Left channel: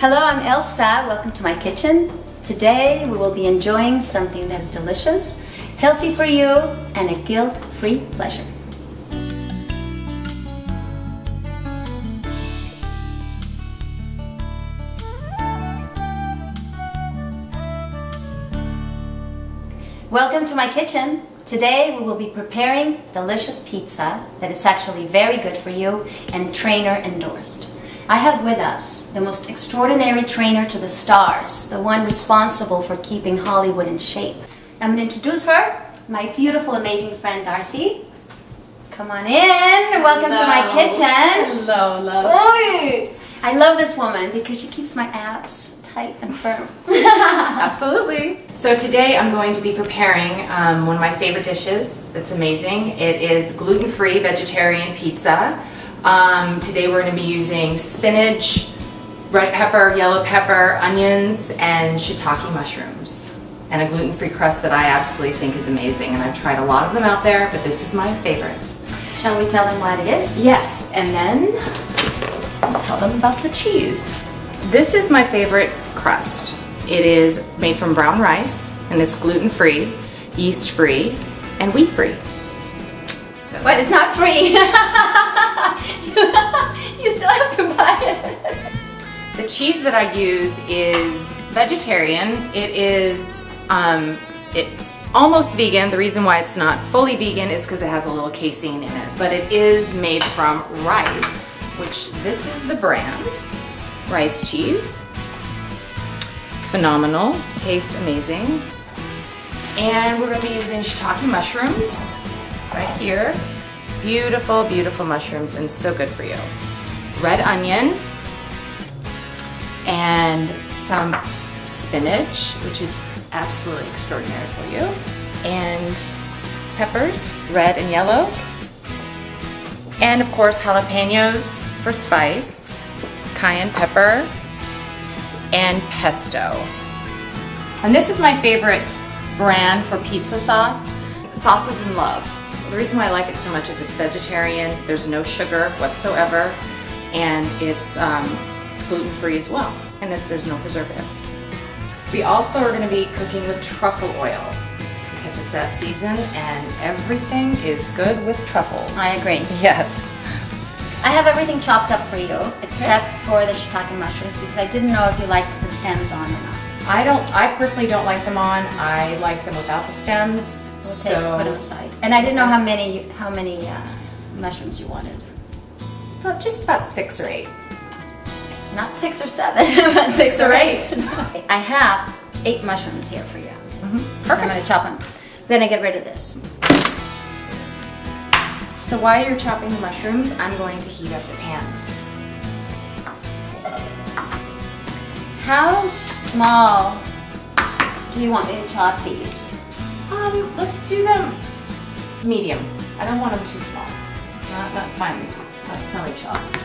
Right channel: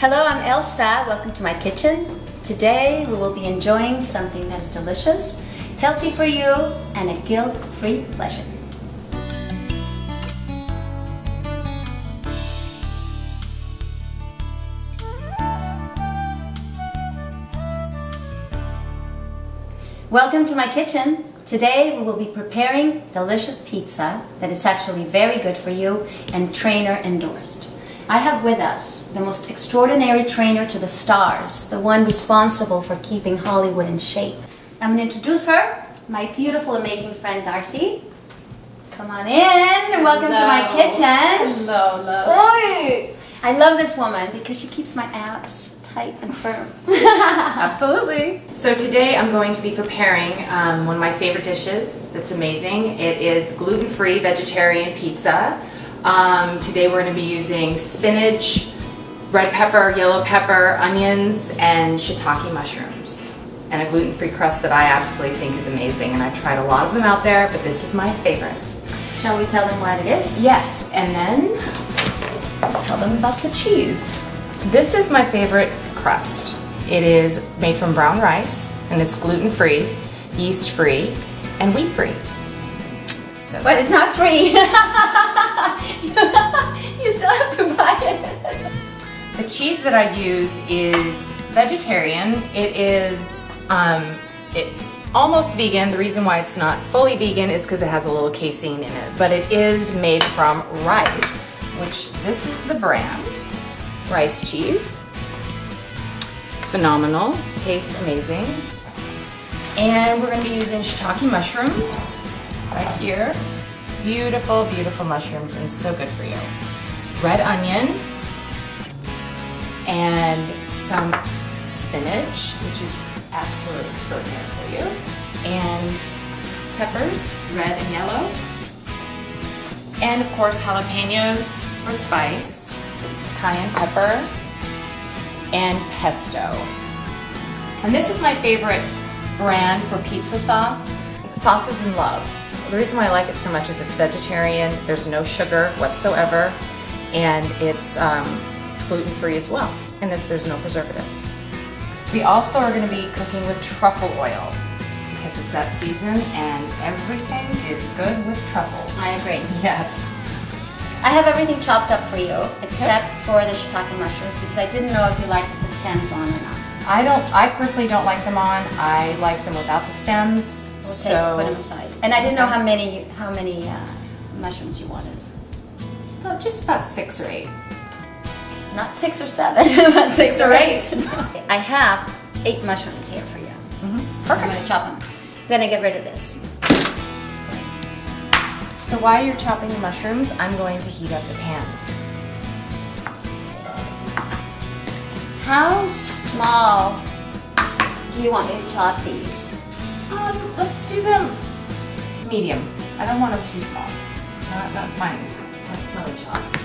Hello, I'm Elsa. Welcome to my kitchen. Today we will be enjoying something that's delicious, healthy for you, and a guilt-free pleasure. Welcome to my kitchen. Today we will be preparing delicious pizza that is actually very good for you and trainer endorsed. I have with us the most extraordinary trainer to the stars, the one responsible for keeping Hollywood in shape. I'm going to introduce her, my beautiful, amazing friend Darci. Come on in. Welcome to my kitchen. Hello, love. Oi! I love this woman because she keeps my abs tight and firm. Absolutely. So today I'm going to be preparing one of my favorite dishes that's amazing. It is gluten-free vegetarian pizza. Today we're going to be using spinach, red pepper, yellow pepper, onions, and shiitake mushrooms. And a gluten-free crust that I absolutely think is amazing. And I've tried a lot of them out there, but this is my favorite. Shall we tell them what it is? Yes, and then I'll tell them about the cheese. This is my favorite crust. It is made from brown rice, and it's gluten-free, yeast-free, and wheat-free. So but it's not free. You still have to buy it. The cheese that I use is vegetarian. It is, it's almost vegan. The reason why it's not fully vegan is because it has a little casein in it. But it is made from rice, which this is the brand. Rice cheese. Phenomenal. Tastes amazing. And we're going to be using shiitake mushrooms right here. Beautiful, beautiful mushrooms and so good for you. Red onion and some spinach, which is absolutely extraordinary for you. And peppers, red and yellow. And of course jalapenos for spice, cayenne pepper, and pesto. And this is my favorite brand for pizza sauce. Sauces in Love. The reason why I like it so much is it's vegetarian, there's no sugar whatsoever, and it's gluten-free as well, and there's no preservatives. We also are going to be cooking with truffle oil because it's that season and everything is good with truffles. I agree. Yes. I have everything chopped up for you except for the shiitake mushrooms because I didn't know if you liked the stems on or not. I personally don't like them on. I like them without the stems. We'll put them aside. And I didn't know how many mushrooms you wanted. Just about 6 or 8. Not 6 or 7, but 6 or 8. I have 8 mushrooms here for you. Perfect. I'm going to chop them. I'm going to get rid of this. So while you're chopping the mushrooms, I'm going to heat up the pans. How small do you want me to chop these? Let's do them medium. I don't want them too small. Not finely small. Not really chopped.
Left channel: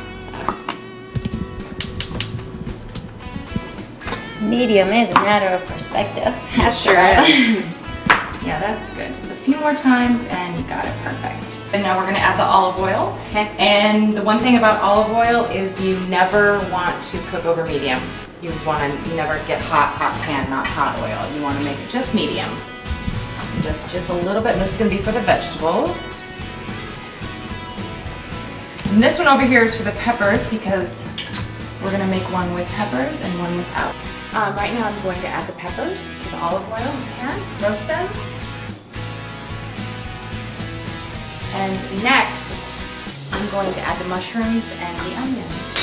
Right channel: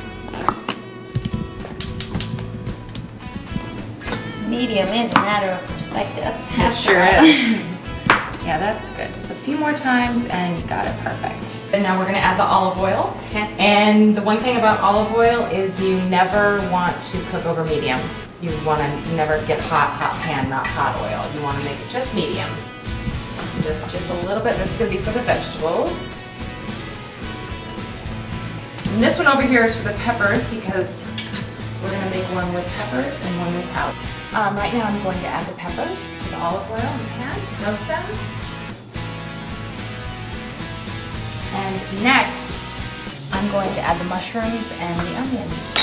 Medium is a matter of perspective. It sure is. Yeah, that's good. Just a few more times and you got it perfect. And now we're going to add the olive oil. Okay. And the one thing about olive oil is you never want to cook over medium. You want to never get hot pan, not hot oil. You want to make it just medium. So just a little bit. And this is going to be for the vegetables. And this one over here is for the peppers because we're going to make one with peppers and one without. Right now I'm going to add the peppers to the olive oil in the pan to roast them. And next, I'm going to add the mushrooms and the onions.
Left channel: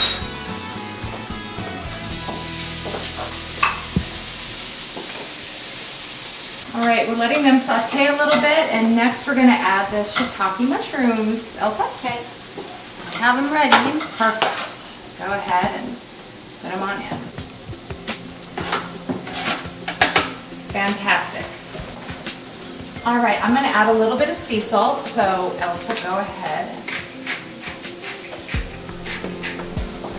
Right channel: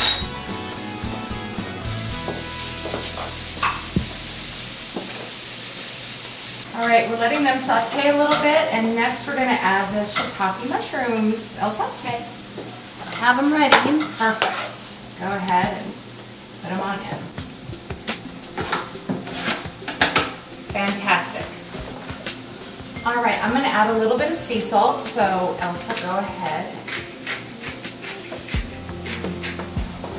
All right, we're letting them saute a little bit, and next we're going to add the shiitake mushrooms. Elsa? Okay. I have them ready. Perfect. Go ahead and put them on in. Fantastic. All right, I'm going to add a little bit of sea salt, so Elsa, go ahead.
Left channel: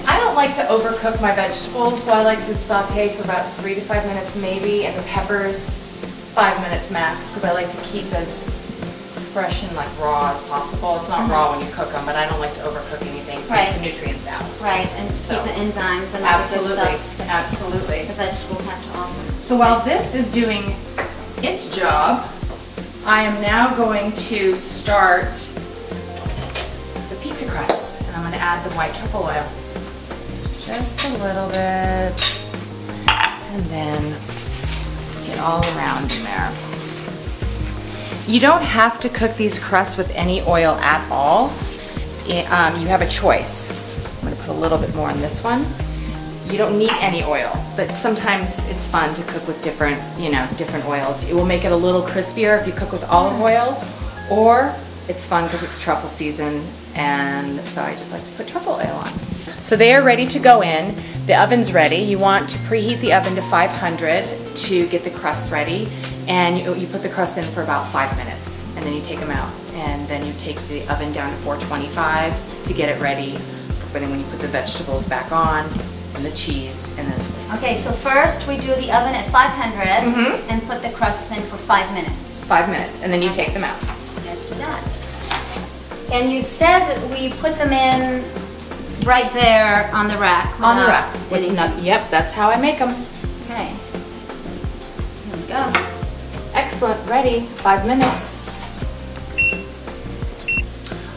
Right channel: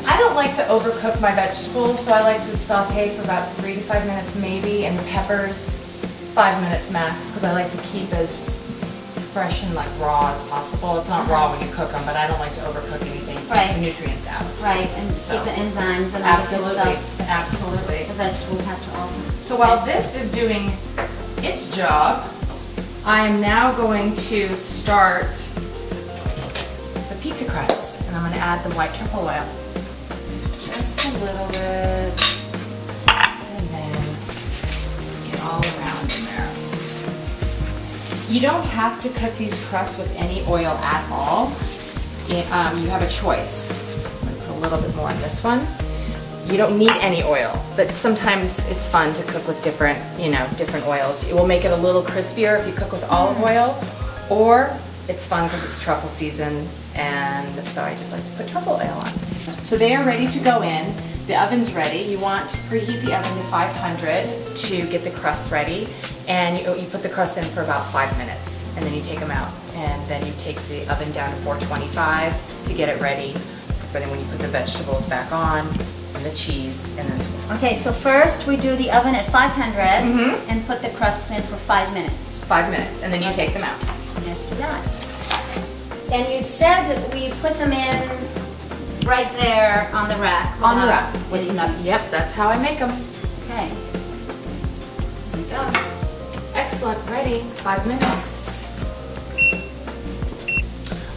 I don't like to overcook my vegetables, so I like to saute for about 3 to 5 minutes maybe, and the peppers 5 minutes max, because I like to keep as fresh and like raw as possible. It's not raw when you cook them, but I don't like to overcook anything to take the nutrients out. Right, and keep the enzymes and all the good stuff. Absolutely. The vegetables have to offer. So while this is doing its job, I am now going to start the pizza crust, and I'm going to add the white truffle oil. Just a little bit, and then get all around in there. You don't have to cook these crusts with any oil at all. You have a choice. I'm going to put a little bit more on this one. You don't need any oil, but sometimes it's fun to cook with different, different oils. It will make it a little crispier if you cook with olive oil, or it's fun because it's truffle season, and so I just like to put truffle oil on. So they are ready to go in. The oven's ready. You want to preheat the oven to 500 to get the crusts ready, and you put the crusts in for about 5 minutes, and then you take them out, and then you take the oven down to 425 to get it ready. But then when you put the vegetables back on, and the cheese, and then it's okay, so first we do the oven at 500 and put the crusts in for 5 minutes. 5 minutes, and then you take them out. Let's do that. And you said that we put them in right there on the rack. On the rack. Yep, that's how I make them. Okay. Here we go. Excellent, ready, 5 minutes.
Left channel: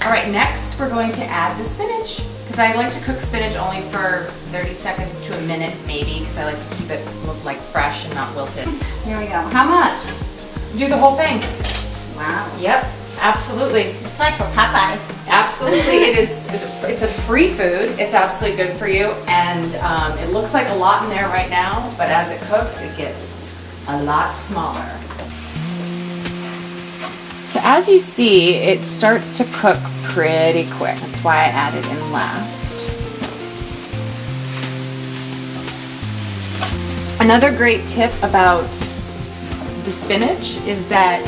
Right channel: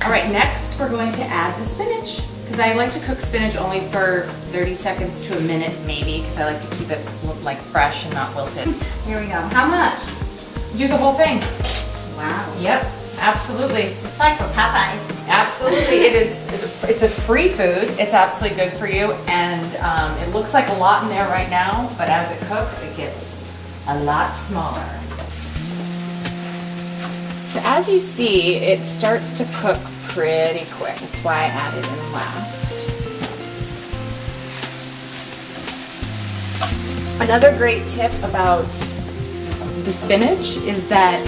All right, next we're going to add the spinach. Because I like to cook spinach only for 30 seconds to a minute maybe, because I like to keep it look like fresh and not wilted. Here we go. How much? Do the whole thing. Wow. Yep, absolutely. It's like for Popeye. Absolutely, it is. It's a free food. It's absolutely good for you, and it looks like a lot in there right now, but as it cooks, it gets a lot smaller. So as you see, it starts to cook pretty quick. That's why I added in last. Another great tip about the spinach is that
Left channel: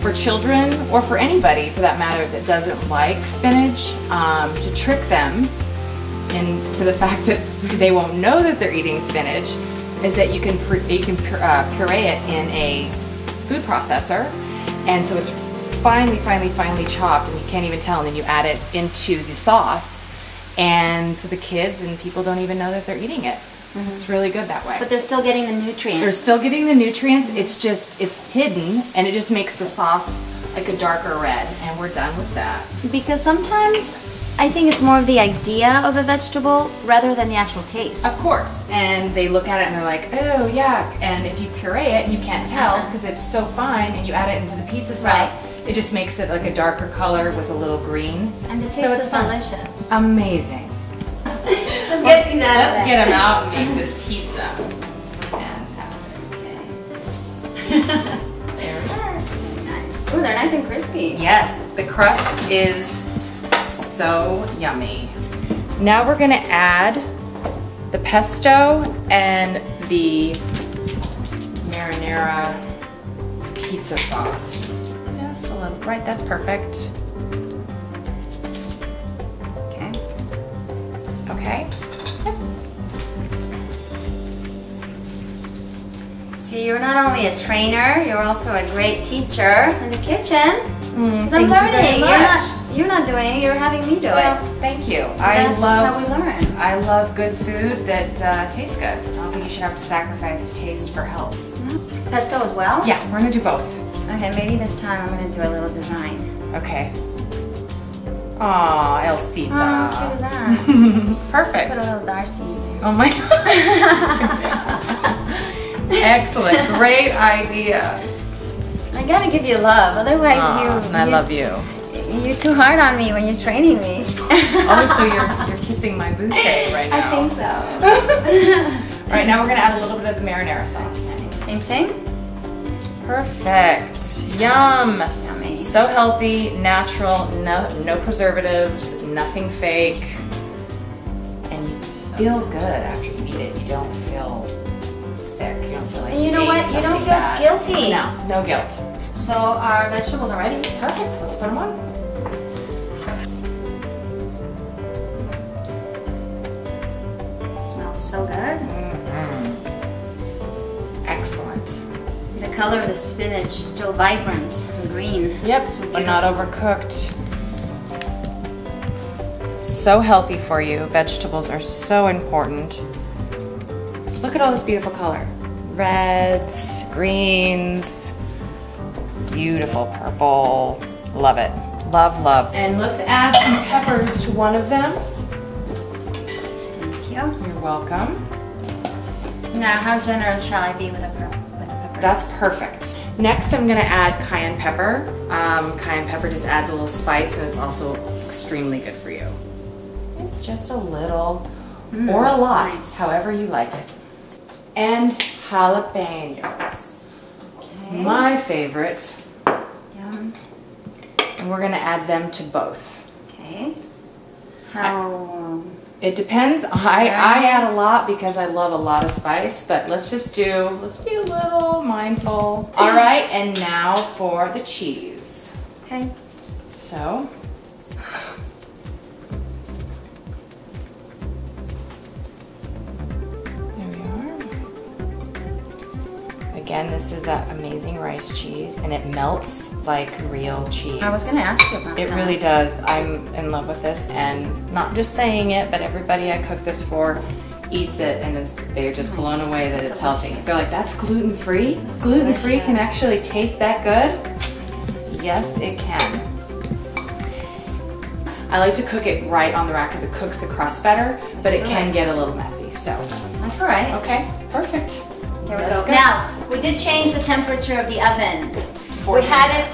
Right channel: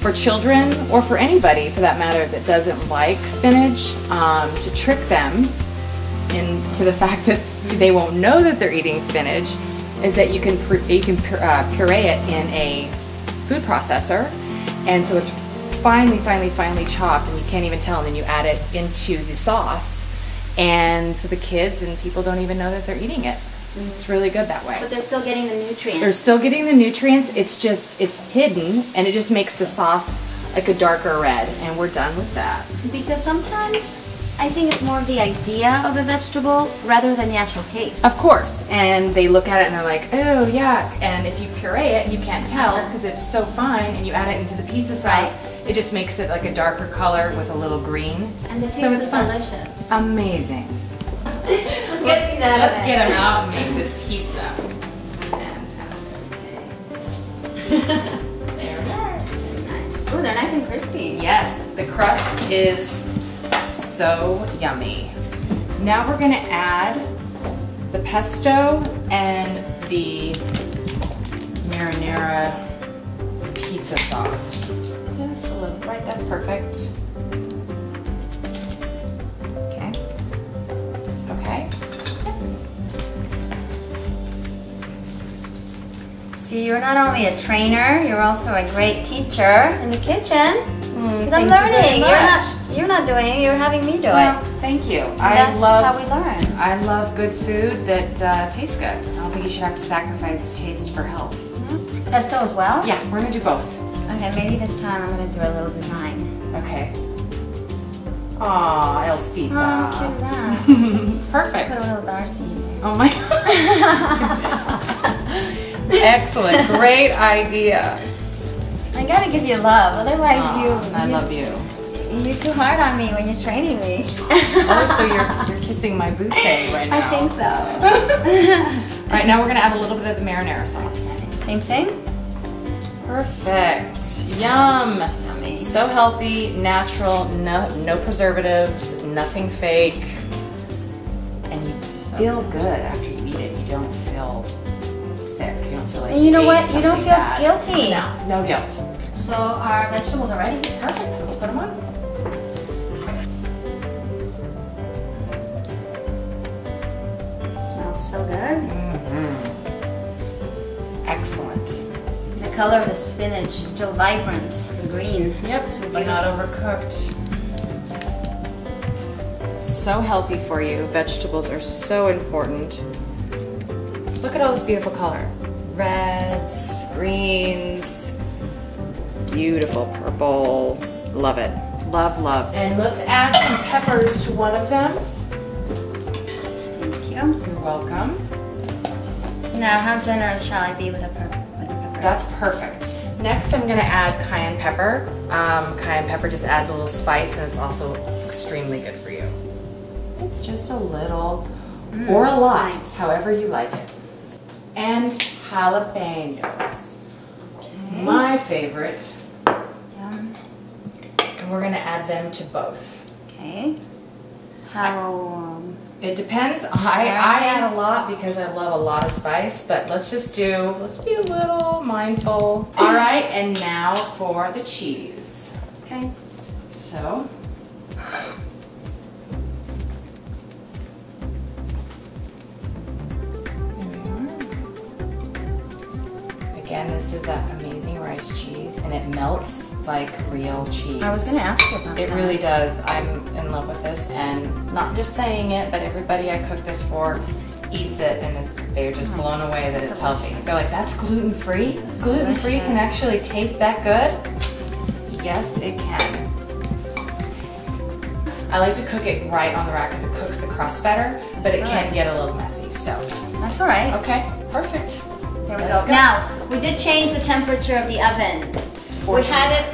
for children, or for anybody for that matter that doesn't like spinach, to trick them into the fact that they won't know that they're eating spinach, is that you can puree it in a food processor. And so it's finely chopped, and you can't even tell, and then you add it into the sauce, and so the kids and people don't even know that they're eating it. It's really good that way. But they're still getting the nutrients. They're still getting the nutrients, it's hidden, and it just makes the sauce like a darker red, and we're done with that. Because sometimes I think it's more of the idea of a vegetable rather than the actual taste. Of course, and they look at it and they're like, oh yuck, and if you puree it, you can't tell because it's so fine, and you add it into the pizza sauce, it just makes it like a darker color with a little green. And the taste is delicious. Amazing. Let's get these out. Let's get them out and make this pizza. Fantastic. There we are. Nice. Ooh, they're nice and crispy. Yes, the crust is so yummy. Now we're gonna add the pesto and the marinara pizza sauce. Just a little, right, that's perfect. Okay. Okay. See, you're not only a trainer, you're also a great teacher in the kitchen. Because I'm learning. You're not doing it, you're having me do it. Thank you. That's how we learn. I love good food that tastes good. I don't think you should have to sacrifice taste for health. Pesto as well? Yeah, we're gonna do both. Okay, maybe this time I'm gonna do a little design. Okay. Aw, Elsita. Oh, how cute is that? Perfect. Put a little Darci in there. Oh my God. Excellent, great idea. I gotta give you love, otherwise I love you. You're too hard on me when you're training me. Oh, so you're kissing my bouquet right now. I think so. All right, now we're gonna add a little bit of the marinara sauce. Same thing? Perfect. Yum. Yummy. So healthy, natural, no preservatives, nothing fake. And you feel good after you eat it. You don't feel sick. You don't feel like and you know what? You don't feel guilty. No guilt. So our vegetables are ready? Perfect. Let's put them on. It smells so good. It's excellent. The color of the spinach still vibrant and green. Yep, So but not overcooked. So healthy for you. Vegetables are so important. Look at all this beautiful color. Reds, greens, beautiful purple. Love it. Love, love. And let's add some peppers to one of them. Thank you. You're welcome. Now, how generous shall I be with the peppers? That's perfect. Next, I'm gonna add cayenne pepper. Cayenne pepper just adds a little spice and it's also extremely good for you. It's just a little or a lot, nice. however you like it. And jalapenos. Okay. My favorite. Yum. And we're gonna add them to both. Okay. How? It depends. I add a lot because I love a lot of spice, but let's be a little mindful. All right, and now for the cheese. Okay. So, there we are. Again, this is that amazing rice cheese, and it melts like real cheese. I was going to ask you about that. It really does. I'm in love with this, and not just saying it, but everybody I cook this for eats it, and they're just blown away that it's healthy. They're like, that's gluten-free? Gluten-free can actually taste that good? Yes, it can. I like to cook it right on the rack because it cooks the crust better, but it can get a little messy, so. That's all right. Okay, perfect. Here we go. Now, we did change the temperature of the oven. We had it,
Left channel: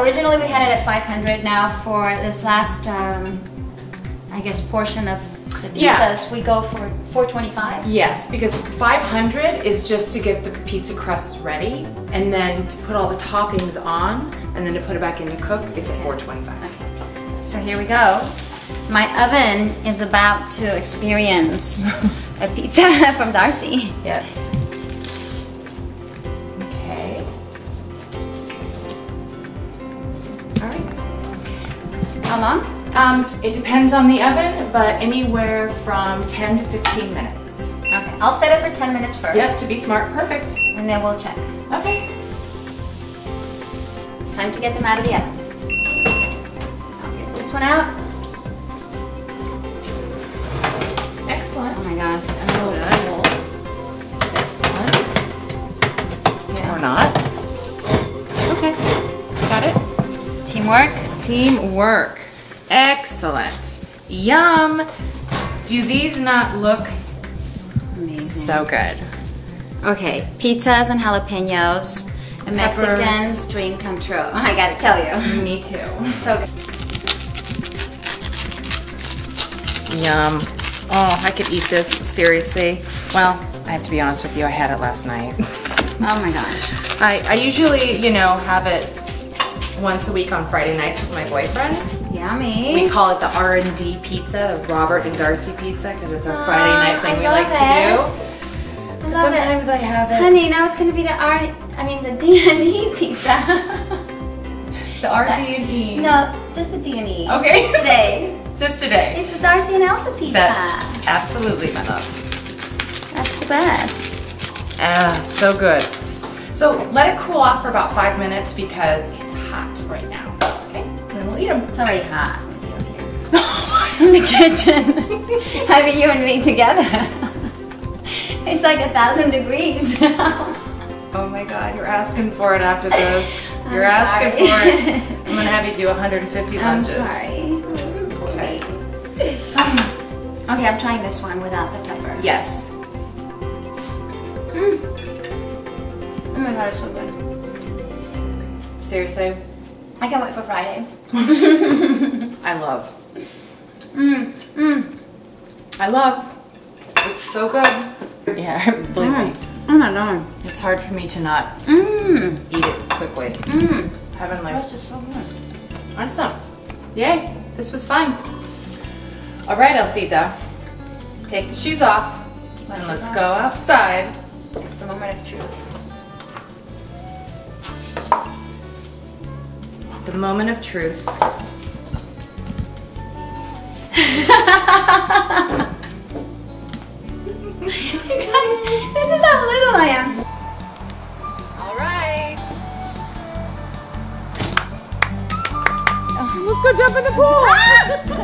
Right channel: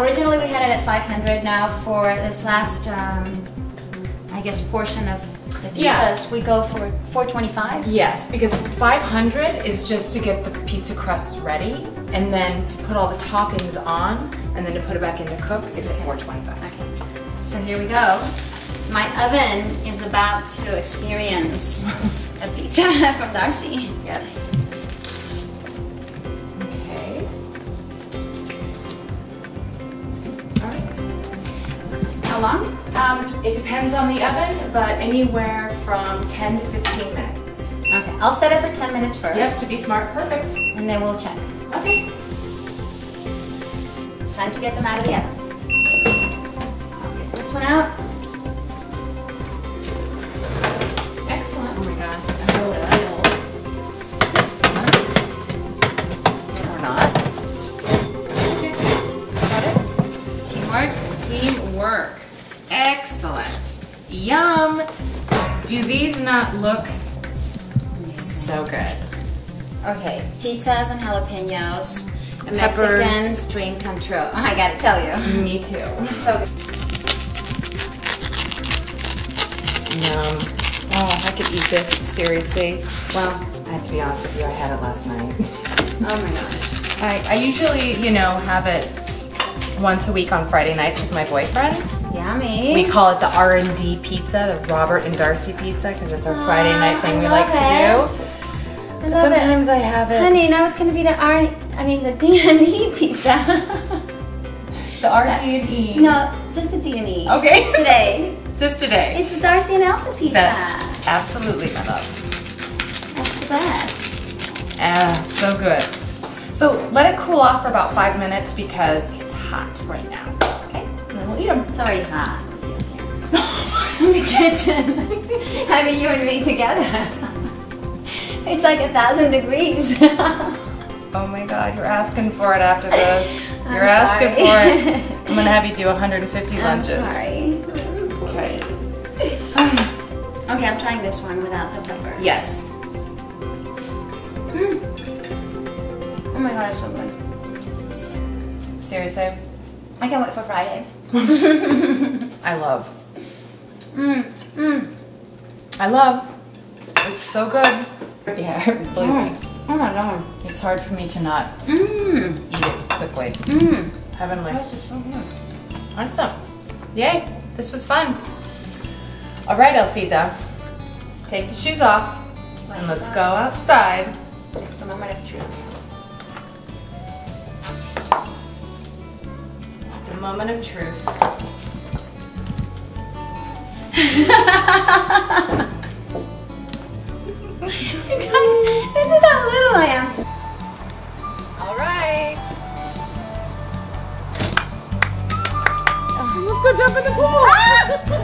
originally we had it at 500. Now for this last, I guess, portion of the pizzas, we go for 425. Yes, because 500 is just to get the pizza crust ready, and then to put all the toppings on, and then to put it back in to cook, it's at 425. Okay, so here we go. My oven is about to experience a pizza from Darci. Yes. Okay. All right. How long? It depends on the oven, but anywhere from 10 to 15 minutes. Okay, I'll set it for 10 minutes first. Yep, to be smart, perfect. And then we'll check. Okay. It's time to get them out of the oven. I'll get this one out. Excellent. Oh my gosh, it's so good. This one. Or not. Okay. Got it? Teamwork. Teamwork. Excellent. Yum. Do these not look so good? Okay, pizzas and jalapenos. A Peppers. Mexican's dream come true. I gotta tell you. Me too. So good. Yum. Oh, I could eat this, seriously. Well, I have to be honest with you, I had it last night. Oh my gosh. I usually, you know, have it once a week on Friday nights with my boyfriend. Yummy. We call it the R&D pizza, the Robert and Darci pizza, because it's our Friday night thing we like to do. Sometimes I have it. Honey, now it's gonna be the D&E pizza. The R&D. No, just the D&E. Okay. Today. Just today. It's the Darci and Elsa pizza. That's absolutely, my love. That's the best. Ah, so good. So let it cool off for about 5 minutes because it's hot right now. Okay, and then we'll eat them. It's already hot with you here. In the kitchen. Having you and me together. It's like 1,000 degrees. Oh my God, you're asking for it after this. You're I'm asking sorry. for it. I'm gonna have you do 150 lunches. I'm sorry. Okay. Okay, I'm trying this one without the peppers. Yes. Oh my God, it's so good. Seriously? I can't wait for Friday. I love. I love. It's so good. Yeah, believe me. Oh my God. It's hard for me to not eat it quickly. Heavenly. This is so good. Awesome. Yay. This was fun. All right, Elsita. Take the shoes off and let's go outside. It's the moment of truth. The moment of truth. You guys, this is how little I am. All right. jump in the pool!